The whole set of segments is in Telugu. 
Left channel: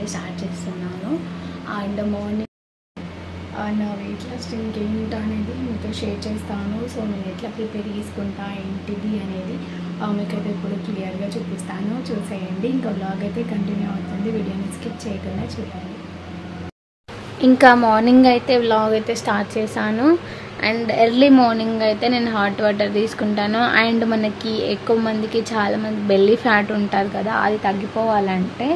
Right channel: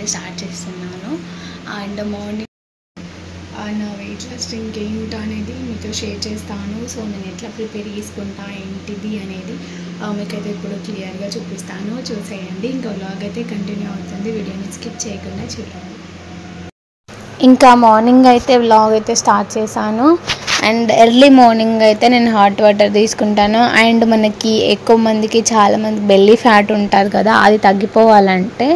అయితే స్టార్ట్ చేస్తున్నాను. అండ్ మార్నింగ్ నా వెయిట్ లాస్ డ్రింక్ ఏంటో అనేది మీతో షేర్ చేస్తాను. సో నేను ఎట్లా ప్రిపేర్ చేసుకుంటా ఏంటిది అనేది మీకైతే ఇప్పుడు క్లియర్గా చూపిస్తాను. చూసేయండి. ఇంకా వ్లాగ్ అయితే కంటిన్యూ అవుతుంది. వీడియోని స్కిప్ చేయకుండా చూడండి. ఇంకా మార్నింగ్ అయితే వ్లాగ్ అయితే స్టార్ట్ చేశాను. అండ్ ఎర్లీ మార్నింగ్ అయితే నేను హాట్ వాటర్ తీసుకుంటాను. అండ్ మనకి ఎక్కువ మందికి చాలామంది బెల్లీ ఫ్యాట్ ఉంటారు కదా, అది తగ్గిపోవాలంటే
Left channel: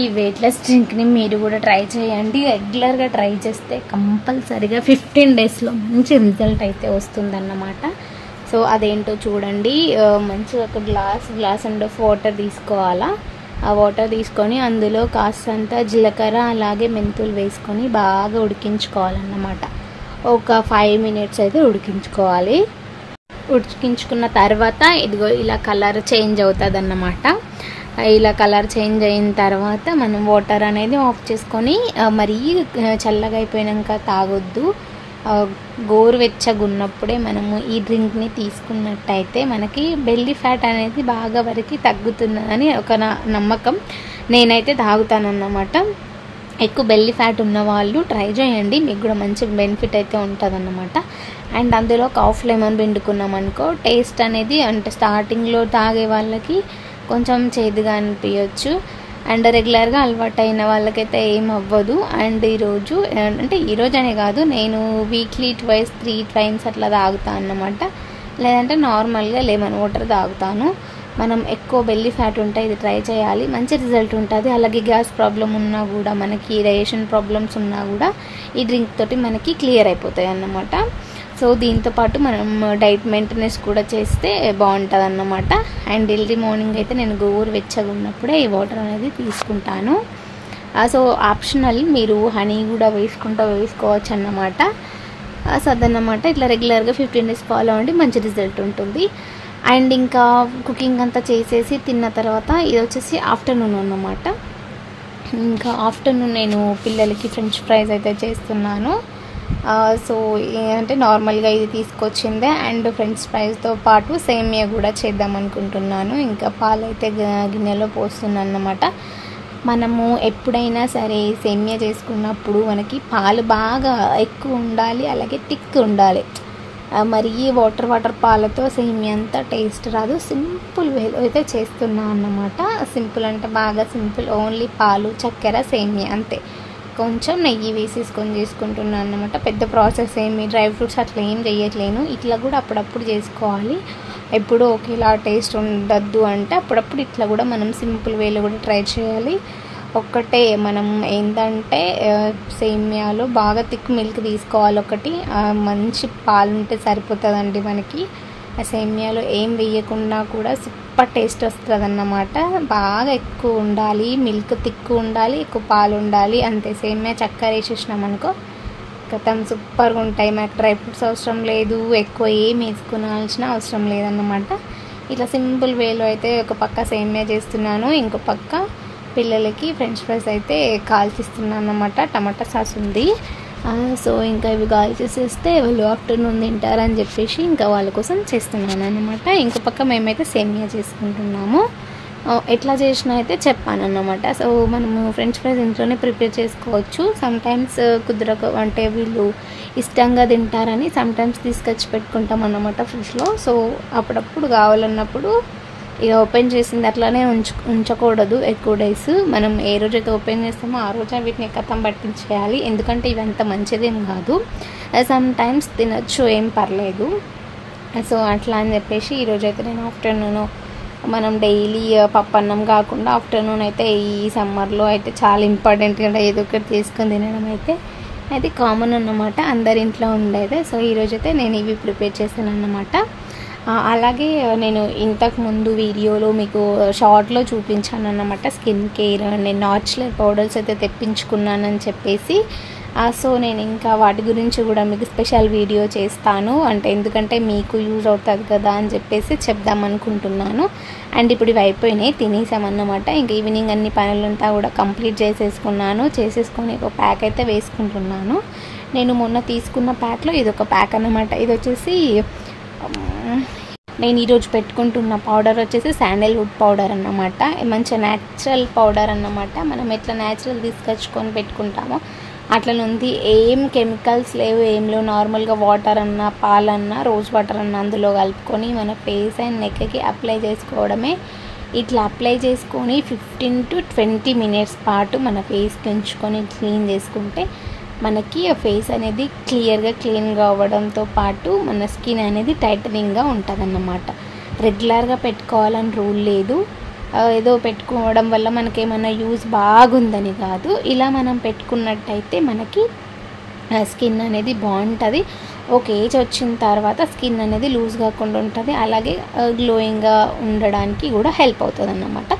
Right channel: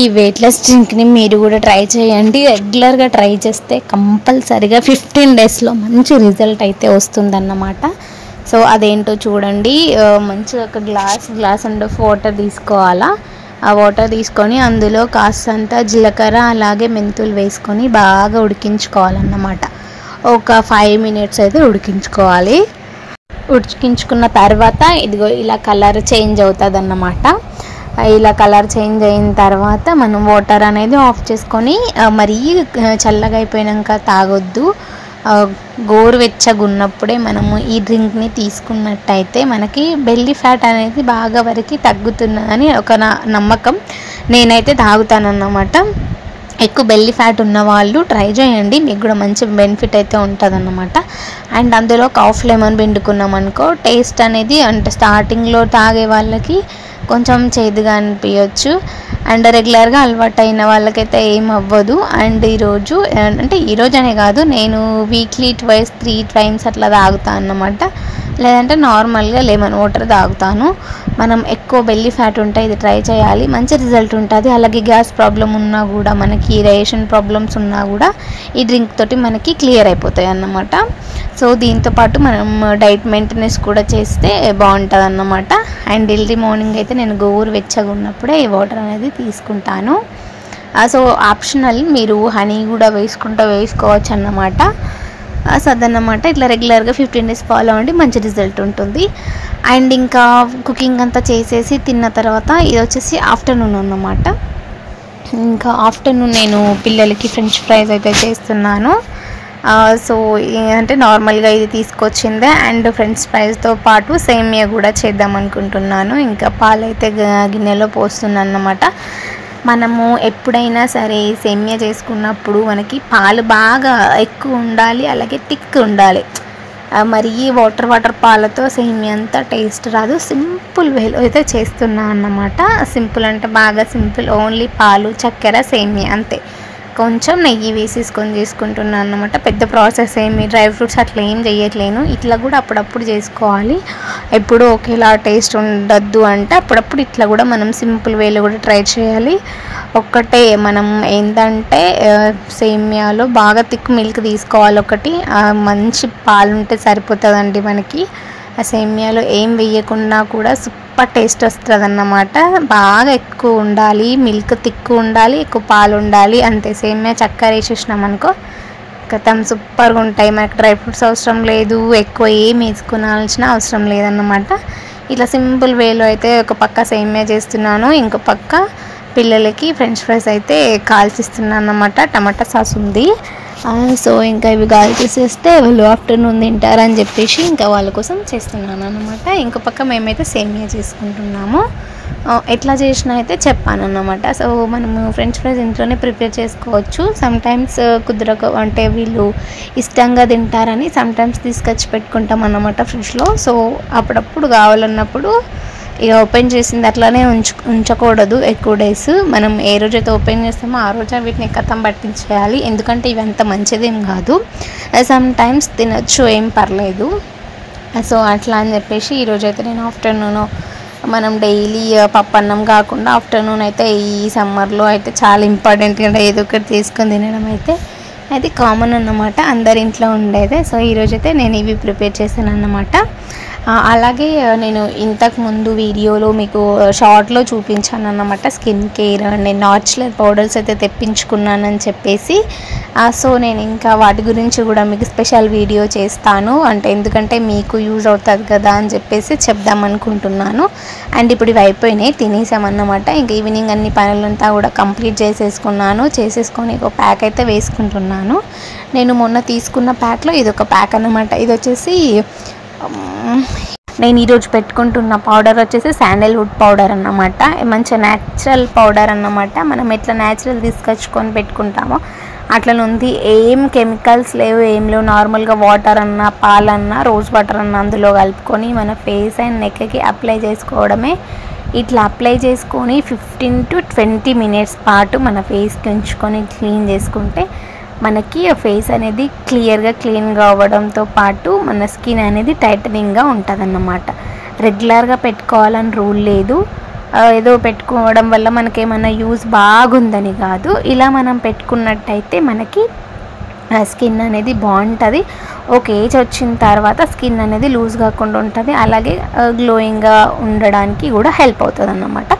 ఈ వెయిట్ లాస్ డ్రింక్ని మీరు కూడా ట్రై చేయండి. రెగ్యులర్గా ట్రై చేస్తే కంపల్సరిగా 15 డేస్లో మంచి రిజల్ట్ అయితే వస్తుందన్నమాట. సో అదేంటో చూడండి. మంచిగా ఒక గ్లాస్ అండ్ వాటర్ తీసుకోవాలా. ఆ వాటర్ తీసుకొని అందులో కాస్తంత జీలకర్ర అలాగే మెంతులు వేసుకొని బాగా ఉడికించుకోవాలన్నమాట. ఒక 5 మినిట్స్ అయితే ఉడికించుకోవాలి. ఉడికించుకున్న తర్వాత ఇదిగో ఇలా కలర్ చేంజ్ అవుతుంది అన్నమాట. ఇలా కలర్ చేంజ్ అయిన తర్వాత మనం వాటర్ అనేది ఆఫ్ చేసుకొని మరీ చల్లగా అయిపోయాక తాగొద్దు. గోరువెచ్చగా ఉన్నప్పుడే మనము ఈ డ్రింక్ని తీసుకున్నట్టయితే మనకి బెల్లీ ఫ్యాట్ అనేది బాగా వరకు తగ్గుతుందని ఒక నమ్మకం. నేనైతే తాగుతానన్నమాట. ఎక్కువ బెల్లీ ఫ్యాట్ ఉన్న వాళ్ళు ట్రై చేయండి, మీకు కూడా మంచి బెనిఫిట్ అయితే ఉంటుందన్నమాట. అండ్ అందులో కాఫ్ లెమన్ పిండుకున్నాం అనుకో, టేస్ట్ అనేది అంటే స్టార్టింగ్లో తాగే వాళ్ళకి కొంచెం చేదుగా అనిపించవచ్చు. అండ్ రెగ్యులర్గా అలవాటు అయిన వాళ్ళకైతే ఏం అవ్వదు. అండ్ ఈరోజు అంటే ఈరోజనే కాదు, నేను వీక్లీ 3 టైమ్స్ అట్లా తాగుతాను అన్నమాట. లేదంటే నార్మల్గా లెమన్ వాటర్ తాగుతాను. మనం ఎక్కువ బెల్లీ ఫ్యాట్ ఉంటే ఇది ట్రై చేయాలి, మంచి రిజల్ట్ ఉంటుంది. అలాగే గ్యాస్ ప్రాబ్లం ఉన్నా కూడా, మనకి రేషన్ ప్రాబ్లమ్స్ ఉన్నా కూడా ఈ డ్రింక్ తోటి మనకి క్లియర్ అయిపోతాయి అన్నమాట. సో దీంతోపాటు మనం డైట్ మెయింటెనెన్స్ కూడా చేస్తే బాగుంటుంది అన్నమాట. అండ్ ఎర్లీ మార్నింగ్ అయితే నేను గోరువెచ్చగా ఉన్నప్పుడే ఈ వాటర్ అనేది తీసుకుంటాను. సో ఆప్షనల్, మీరు హనీ కూడా వేసుకోవచ్చు అన్నమాట. సో అదన్నమాట. ఇట్లా రెగ్యులర్గా 15 డేస్ ఫాలో అవ్వండి, మంచి రిజల్ట్ ఉంటుంది. అండ్ ఇంకా కుకింగ్ అంతా చేసేసి తిన్న తర్వాత ఇది వచ్చేసి ఆఫ్టర్నూన్ అన్నమాట. ఇంకా ఆఫ్టర్నూన్ నేను పిల్లలకి ఫ్రెంచ్ ఫ్రైస్ అయితే చేస్తున్నాను. సో అంటే నార్మల్గా ఇది తీసుకొచ్చిందే. అండ్ ఫ్రెంచ్ ఫ్రైస్తో పాటు సేమియా కూడా చేద్దాం అనుకుంటున్నాను. ఇంకా పాలైతే గిన్నెలో పోస్తున్నాను అన్నమాట. మనము ఎప్పుడైనా సరే సేమియా చేసుకున్నప్పుడు మనకి పాలు బాగా ఎక్కువ ఉండాలి, అలాగే థిక్ ఉండాలి. మరి వాటర్ పాలతో సేమియా అంతా టేస్ట్ రాదు. సింపుల్ వేలో అయితే చేస్తున్నాను అన్నమాట. సింపుల్ అంటే బాగా సింపుల్, ఓన్లీ పాలు, చక్కెర, సేమియా అంతే. కొంచెం నెయ్యి వేసేసుకొని చేసుకుంటున్నాను అన్నమాట. పెద్ద ప్రాసెస్ ఏమి డ్రై ఫ్రూట్స్ అట్లా ఏం చేయట్లేను. ఇట్లా కూడా అప్పుడప్పుడు చేసుకోవాలి. ఎప్పుడు ఒకేలా టేస్ట్ ఉండద్దు అంటే అప్పుడప్పుడు ఇట్లా కూడా మనం సింపుల్ వేలో కూడా ట్రై చేయాలి. ఒక్కటే మనం ఏంటంటే సేమియాలో బాగా థిక్ మిల్క్ తీసుకోవాలి. ఒకటి మంచి పాలు ఉంటే సరిపోతుందండి మనకి. ఆ సేమియాలో ఏం వేయకుండా కూడా సూపర్ టేస్ట్ వస్తుంది అన్నమాట. బాగా ఎక్కువ ఉండాలి, మిల్క్ థిక్ ఉండాలి, ఎక్కువ పాలు ఉండాలి, అంతే. సేమియా చక్కెర వేసేసినాం అనుకో కథం సూపర్గా ఉంటాయి. మనకు డ్రై ఫ్రూట్స్ అవసరం లేదు, ఎక్కువ ఏం వేసుకోవాల్సిన అవసరం లేదన్నమాట. ఇట్లా సింపుల్ వేలో అయితే ఒక పక్క సేమియా చేస్తున్నాను, ఇంకో పక్క పిల్లలకి ఫ్రెంచ్ ఫ్రైస్ అయితే కాల్చిస్తున్నాను అన్నమాట. టమాటా సాస్ ఉంది. సో ఇంకా ఇవి కాల్చేసేస్తే వాళ్ళు ఆఫ్టర్నూన్ తింటారని చెప్పేసి ఇంకా వాళ్ళ కోసం చేస్తున్నాను అన్నమాట. ఇంకో పక్క మేమైతే సేమియా చేసుకుంటున్నాము. ఎట్లా చేసినా అయితే చెప్పాను అన్నమాట. సో మనము ఫ్రెంచ్ ఫ్రైస్ ఇంట్లోనే ప్రిపేర్ చేసుకోవచ్చు. సమ్టైమ్స్ కుదరక అంటే వీళ్ళు ఇష్టంగా తింటారని సమ్టైమ్స్ తీసుకొచ్చి పెట్టుకుంటాం అన్నమాట ఫ్రిడ్జ్లో. సో అప్పుడప్పుడు కావాలన్నప్పుడు ఇక ఓపెన్ చేసింది అట్లానే ఉంచకూడదు ఎక్కువ డేస్. మనం ఏ రోజైతే ఓపెన్ చేస్తామో ఆ రోజు వీటిని కథం పట్టించేయాలి. ఎందుకంటే ఇవి అంత మంచిదేం కాదు. సమ్ టైమ్స్ తినచ్చు, ఏం పర్లేదు. సో అట్లా అని చెప్పేసి ఈరోజైతే నేను ఆఫ్టర్నూన్ మనం డైలీ పప్పన్నం కాకుండా ఆఫ్టర్నూన్ అయితే ఈ సమ్మర్లో అయితే చాలా ఇంపార్టెంట్గా ఏదో ఒకటి తీసుకొని తినడం అయితే కామన్ అన్నమాట, అందరి ఇంట్లో ఉండేదే. సో ఈరోజైతే నేను ఇవి ప్రిపేర్ చేశాను అన్నమాట. అలాగే నేను ఇంతకు ముందు వీడియోలో మీకు షార్ట్లో చూపించాను అన్నమాట స్కిన్ కేర్, నేను నాచురల్ పౌడర్స్ అయితే తెప్పించుకున్నానని చెప్పేసి. సో నేను ఇంకా వాటి గురించి కూడా మీకు స్పెషల్ వీడియో చేస్తాను, అంటే ఎందుకంటే మీకు యూజ్ అవుతుంది కదా అని చెప్పేసి చెప్దాం అనుకుంటున్నాను. అండ్ ఇప్పుడు ఇవి అయిపోయినాయి, తినేసామన్నమాట. ఇంక ఈవినింగ్ అన్ని పనులంతా కూడా కంప్లీట్ చేసేసుకొని ఒక ప్యాక్ అయితే వేసుకుంటున్నాను. నేను మొన్న తీసుకున్న ప్యాక్లో ఇది ఒక ప్యాక్ అన్నమాట. ఇది వచ్చేసి నేను ఈరోజు పెట్టుకుంటున్న పౌడర్ వచ్చేసి శాండల్వుడ్ పౌడర్ అన్నమాట. మంచి న్యాచురల్ పౌడర్ అన్నమాట. మనం ఎట్లా న్యాచురల్ తీసుకొచ్చుకొని పెట్టుకుంటామో అట్లనుంది. ఏం కెమికల్స్ లేవు, ఏం లేవు. నార్మల్గా వాటర్ అన్నా పాలన్నా రోజ్ వాటర్ అన్నా అందులో కలుపుకొని మన ఫేస్ అండ్ నెక్కి అప్లై చేసుకోవడమే. ఇట్లా అప్లై చేసుకొని 15 to 20 minutes పాటు మన ఫేస్కి ఉంచుకొని క్లీన్ చేసుకుంటే మనకి ఫేస్ అనేది క్లీన్గా అవ్వడంతో పాటు మన స్కిన్ అనేది టైటనింగ్గా ఉంటుందన్నమాట. రెగ్యులర్గా పెట్టుకోవాలని రూల్ లేదు. ఏదో పెట్టుకోవడం వల్ల మనకేమైనా యూజ్ బాగుందని కాదు. ఇలా మనం పెట్టుకున్నట్టయితే మనకి స్కిన్ అనేది బాగుంటుంది. ఒక ఏజ్ వచ్చిన తర్వాత స్కిన్ అనేది లూజ్ కాకుండా ఉంటుంది. అలాగే గ్లోయింగ్గా ఉండడానికి కూడా హెల్ప్ అవుతుంది అన్నమాట.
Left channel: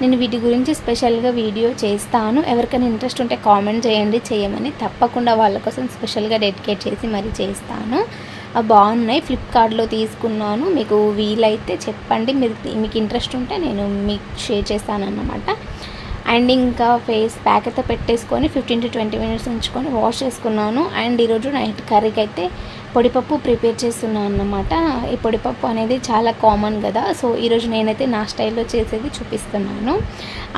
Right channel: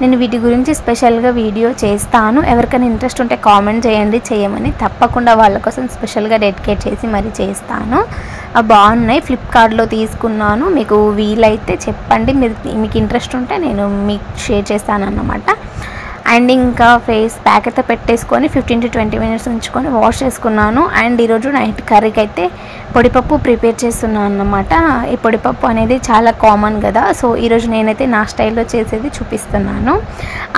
నేను వీటి గురించి స్పెషల్గా వీడియో చేస్తాను. ఎవరికైనా ఇంట్రెస్ట్ ఉంటే కామెంట్ చేయండి, చేయమని. తప్పకుండా వాళ్ళ కోసం స్పెషల్గా డెడికేట్ చేసి మరి చేస్తాను. బాగున్నాయి, ఫ్లిప్కార్ట్లో తీసుకున్నాను. మీకు వీలైతే చెప్పండి, మీకు ఇంట్రెస్ట్ ఉంటే నేను మీకు షేర్ చేస్తాను అన్నమాట. అండ్ ఇంకా ఫేస్ ప్యాక్ అయితే పెట్టేసుకొని 15 to 20 minutes ఉంచుకొని వాష్ చేసుకున్నాను. అండ్ ఈరోజు నైట్ కర్రీకి అయితే పొడిపప్పు ప్రిపేర్ చేస్తున్నాను అన్నమాట. ఈ పొడిపప్పు అనేది చాలా కామన్ కదా, సో ఈరోజు నేనైతే నా స్టైల్లో చేసేది చూపిస్తున్నాను.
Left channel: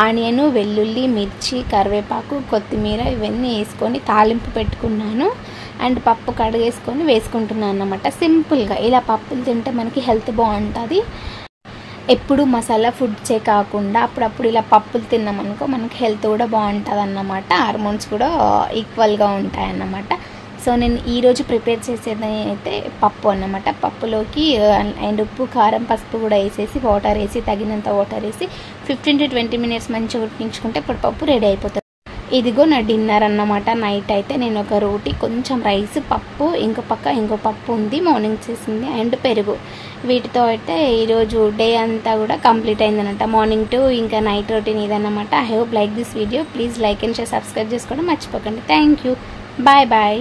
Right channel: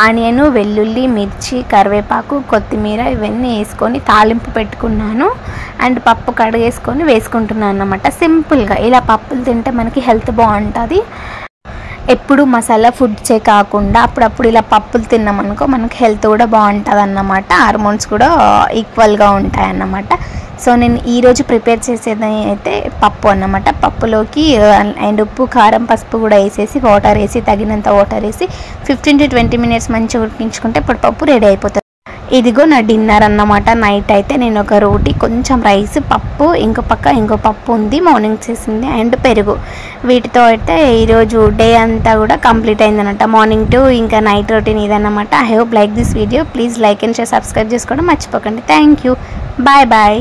ఆనియన్, వెల్లుల్లి, మిర్చి, కరివేపాకు, కొత్తిమీర ఇవన్నీ వేసుకొని తాలింపు పెట్టుకున్నాను. అండ్ పప్పు కడిగేసుకొని వేసుకుంటున్నాను అన్నమాట. సింపుల్గా ఇలా పప్పులు తింటే మనకి హెల్త్ బాగుంటుంది. ఎప్పుడు మసాలా ఫుడ్సే కాకుండా అప్పుడప్పుడు ఇలా పప్పులు తిన్నామనుకో మనకి హెల్త్ కూడా బాగుంటుంది అన్నమాట. హార్మోన్స్ కూడా ఈక్వల్గా ఉంటాయి అన్నమాట. సో నేను ఈరోజు ప్రిపేర్ చేసేది అయితే పప్పు అన్నమాట. పప్పులోకి అండ్ ఉప్పు, కారం, పసుపు కూడా వేసేసి వాటర్ వేసి తగినంత వాటర్ వేసి 15 to 20 minutes మంచిగా ఉడికించుకుంటే పప్పు రెడీ అయిపోతుంది. ఇదిగో నా డిన్నర్ అన్నమాట. నైట్ అయితే నేను ఒక రోటీ, కొంచెం రైస్, పప్పు, ఇంకో పప్పు ఉంది మార్నింగ్ చేసింది, అండ్ పెరుగు. వీటితో అయితే ఈరోజు డే అంతా కూడా కంప్లీట్ అయిందన్నమాట. మార్నింగ్ టు ఇంకా నైట్ రొటీన్ ఇదన్నమాట. I hope like this video. Please like and share, subscribe చేసుకోవడం మర్చిపోకండి. Thank you. Bye bye.